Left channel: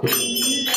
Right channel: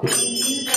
Oh,